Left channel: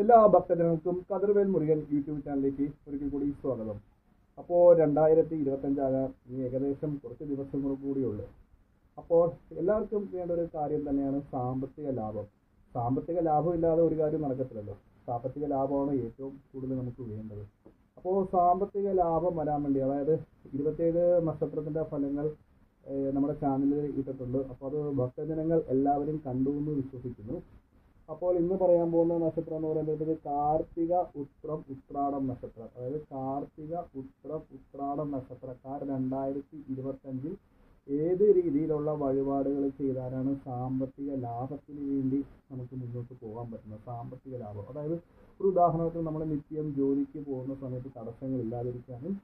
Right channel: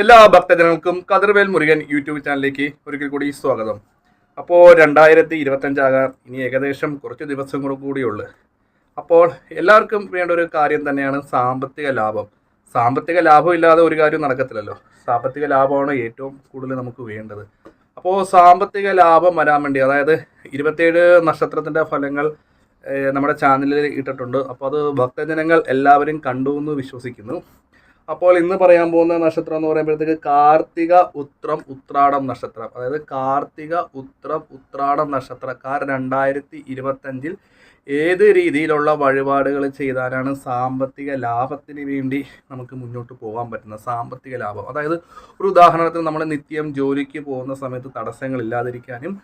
എല്ലാ ഭക്തജനങ്ങൾക്കും കതിർവേൽ മുരുകൻ യൂട്യൂബ് ചാനലിലേക്ക് ഒരിക്കൽ കൂടി സ്വാഗതം. അപ്പോൾ 2025 ഇനി ഏകദേശം കുറച്ച് ദിവസങ്ങൾ കൂടിയുള്ളു. അപ്പോൾ എല്ലാവർക്കും വേണ്ട ഒരു കാര്യം തന്നെയാണ് സാമ്പത്തിക ലാഭം. സാമ്പത്തിക ലാഭം ഇല്ലാതെ ഒരു കാര്യം നടക്കത്തില്ലല്ലോ. സാമ്പത്തിക ലാഭമാണ് ഏറ്റവും കൂടുതൽ നമുക്ക് വേണ്ടത്. അപ്പോൾ സാമ്പത്തിക ലാഭം വരാൻ വേണ്ടി, അതായത് 27 നക്ഷത്രത്തിൻ്റെ ഫലങ്ങൾ നമ്മുടെ ചാനലിൽ ഇട്ടിട്ടുണ്ട്. അപ്പോൾ അത് ഭക്തജനങ്ങൾ എല്ലാവരും കണ്ടു എന്ന് വിശ്വസിക്കുന്നു. അപ്പോൾ ഇന്ന് പറയാൻ പോകുന്ന നക്ഷത്രം എന്ന് പറയുമ്പോഴത്തേക്ക് കാർത്തിക ഉത്രം ഉത്രാടം നക്ഷത്രം. അതായത് കാർത്തിക ഉത്രം ഉത്രാടം നക്ഷത്രക്കാർ 2025 ഏത് രീതിയിലുള്ള വഴിപാടുകൾ ചെയ്താലാണ് സാമ്പത്തിക ലാഭത്തിന് വേണ്ടി നമുക്ക് മുന്നോട്ട് പോകാൻ പറ്റുന്നത്. സാമ്പത്തിക ലാഭം, അതായത് ഒരു ഉദാഹരണത്തിന് നമ്മൾ നിത്യം ജോലിക്ക് പോകുന്ന സമയത്ത് തടസ്സങ്ങൾ ഇല്ലാതിരിക്കാനും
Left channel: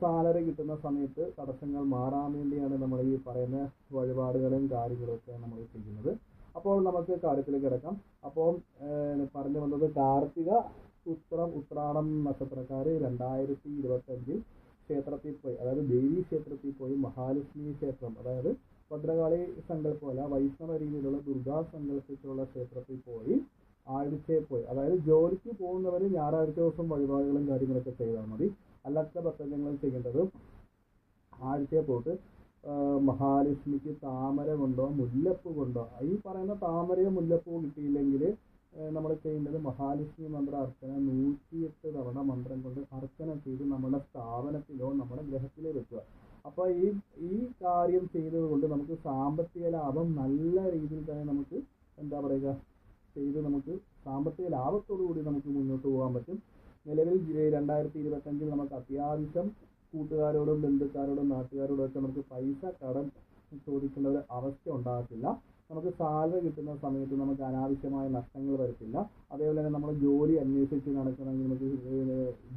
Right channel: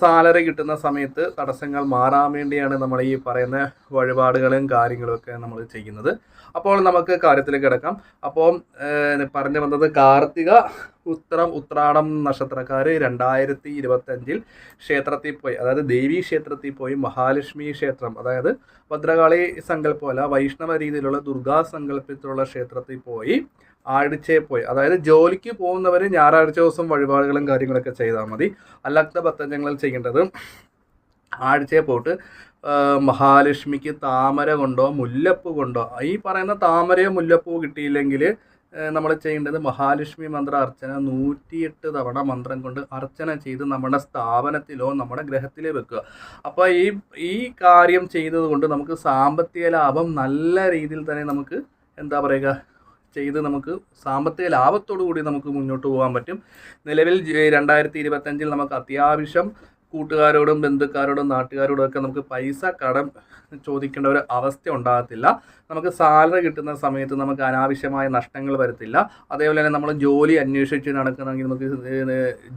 സാലറി കിട്ടുന്ന സമയത്ത് തടസ്സങ്ങൾ മാറാൻ വേണ്ടിയാണ് നമ്മൾ ഈ പറയുന്ന വഴിപാടുകളും കാര്യങ്ങളുമൊക്കെ നമ്മൾ ചെയ്യുന്നത്. അപ്പോൾ നമുക്ക് കാര്യത്തിലേക്ക് കിടക്കാം. അപ്പോൾ പറഞ്ഞു വന്നത് കാർത്തിക ഉത്രം ഉത്രാടം നക്ഷത്രക്കാർ 2025 ക്ഷേത്രത്തിൽ പോയി, അതായത് ദേവീ ക്ഷേത്രത്തിൽ പോയി മഹാലക്ഷ്മി ക്ഷേത്രം, അതായത് ഭദ്രകാളി സങ്കല്പമല്ല വൈഷ്ണവ രീതിയിലുള്ള ദുർഗാ സങ്കല്പത്തിലുള്ള ക്ഷേത്രത്തിൽ പോയി ആഴ്ചയിൽ പോയി, അതായത് ജോലിക്ക് പോകുന്നവർ ഞായറാഴ്ച ദിവസം വഴിപാടുകളും കാര്യങ്ങളൊക്കെ ചെയ്താൽ മതി. അല്ലാത്ത ഭക്തജനങ്ങൾ ചെയ്യേണ്ടത് ആഴ്ചയിൽ പോയിട്ട് മഹാലക്ഷ്മിക്ക് താമര കൊണ്ടോ മുല്ലപ്പൂ കൊണ്ടോ, ഈ പറയുന്ന താമരയോ മുല്ലപ്പൂ കിട്ടിയില്ലെങ്കിൽ നമ്മൾ ചെയ്യേണ്ടത് മഹാലക്ഷ്മി മന്ത്ര അർച്ചന 108 തവണ മന്ത്രം കൊണ്ട് അർച്ചന ചെയ്ത് നമ്മുടെ സ്ഥാപനത്തിലോ നമ്മുടെ ഗ്രഹത്തിലോ വെക്കുക. അപ്പോൾ ഈ കാര്യം ചെയ്തത് കൊണ്ട് നമുക്ക് സാമ്പത്തിക ലാഭം നല്ല രീതിയിൽ തന്നെ നമുക്ക് എന്താ പറയുക ചെയ്ത് നമുക്ക് സാമ്പത്തിക ലാഭത്തോടു കൂടി നമുക്ക് മുന്നോട്ട് പോകാൻ പറ്റും. നിലവിൽ 2025 നമുക്ക് അത്യാവശ്യം കൂട്ടുകാരോടും ബന്ധുക്കാരോടും നാട്ടുകാരോടും ഒക്കെ നമുക്ക് പൈസ കടം ചോദിക്കേണ്ട ഒരു അവസ്ഥ ഉണ്ടാകത്തില്ല. നമുക്ക് സാലറി കിട്ടുന്ന സമയത്ത് നമുക്ക് അനാവശ്യമായ നഷ്ടങ്ങൾ വരത്തില്ല. അതേപോലെ തന്നെ നമ്മൾ ജോലി അന്വേഷിച്ച് നടക്കണമെങ്കിൽ നമുക്ക്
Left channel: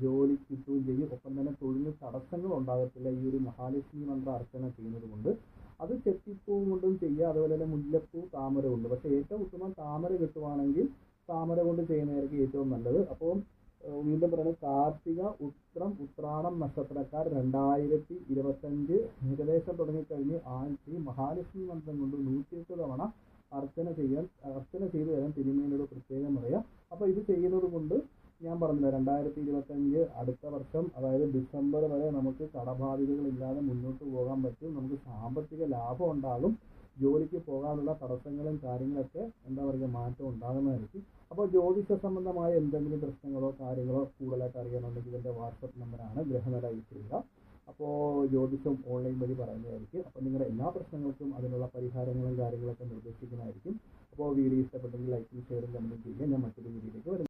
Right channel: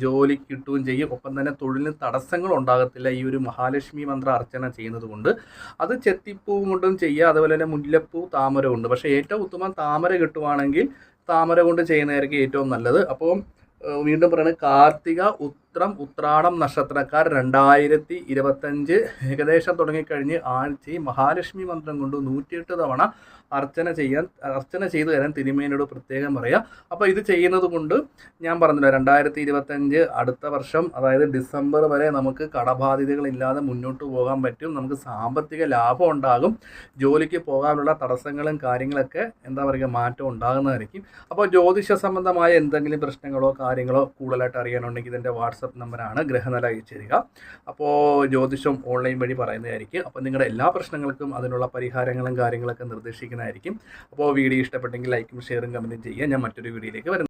ജോലി കിട്ടുകയും ചെയ്യും. ഒപ്പം തന്നെ തൊഴിലിന് തടസ്സങ്ങൾ ഉണ്ടാകത്തില്ല ഈ ഒരു മഹാലക്ഷ്മി മന്ത്ര അർച്ചന ചെയ്യുന്നത് കൊണ്ട്. അത് ചെത്തിപ്പൂവും കൊണ്ടും ചെയ്യുക, അതുപോലെ തന്നെ മുല്ലപ്പൂ താമര കൊണ്ട്. പക്ഷേ ഏറ്റവും ഉത്തമം താമര കിട്ടുവാണെങ്കിൽ താമര കൊണ്ട് ചെയ്യുന്നതായിരിക്കും ഏറ്റവും നല്ലത്. അപ്പോൾ വീണ്ടും പറയുന്നത് കാർത്തിക ഉത്രം ഉത്രാടം നക്ഷത്രക്കാർ 2025 ഏകദേശം തുടങ്ങിക്കഴിഞ്ഞ് ആഴ്ചയിൽ മഹാലക്ഷ്മി മന്ത്രം കൊണ്ട് 108 തവണ അർച്ചന ചെയ്തു തരാൻ തിരുമേനോട് പ്രത്യേകം പറയാം. അപ്പോൾ ഇത് ചെയ്യുന്നത് കൊണ്ട് ഞാൻ പറഞ്ഞില്ല 2025 അടുത്ത വർഷം, അതായത് ഡിസംബർ വരെ നമുക്ക് കടബാധ്യതകളില്ലാതെ മുന്നോട്ട് പോകാൻ പറ്റും. നമുക്ക് സാമ്പത്തിക ലാഭം ഉണ്ടാകും. ജോലിക്ക് പോകാനുള്ള തടസ്സങ്ങളും കാര്യങ്ങളൊക്കെ എന്താ പറയുക മാറ്റം ഉണ്ടാകുന്നതായിരിക്കും. അപ്പോൾ ജ്യോതിഷ സംബന്ധമായ എന്തെങ്കിലും പ്രശ്നങ്ങളോ കാര്യങ്ങളോ കൂടുതലായിട്ട് അറിയാനുണ്ടെങ്കിൽ ഇതിൻ്റെ വാട്സപ്പ് നമ്പറാണ്, ഗ്രഹനില അയച്ചു തരിക. അപ്പോൾ ജ്യോതിഷം ഓൺലൈൻ വഴി പറയുന്നതായിരിക്കും. അപ്പോൾ നിങ്ങളുടെ എല്ലാ പ്രശ്നങ്ങൾക്കും അതിനുള്ള പരിഹാരങ്ങളും കാര്യങ്ങളൊക്കെ നിർദ്ദേശിക്കുന്നതായിരിക്കും. അപ്പോൾ വീഡിയോ ഇഷ്ടപ്പെട്ടെങ്കിൽ ലൈക്കും ഷെയറും കമൻറ്റും ചെയ്യുക. ഞാൻ മറ്റൊരു വീഡിയോയിലേക്ക് വരുന്നു.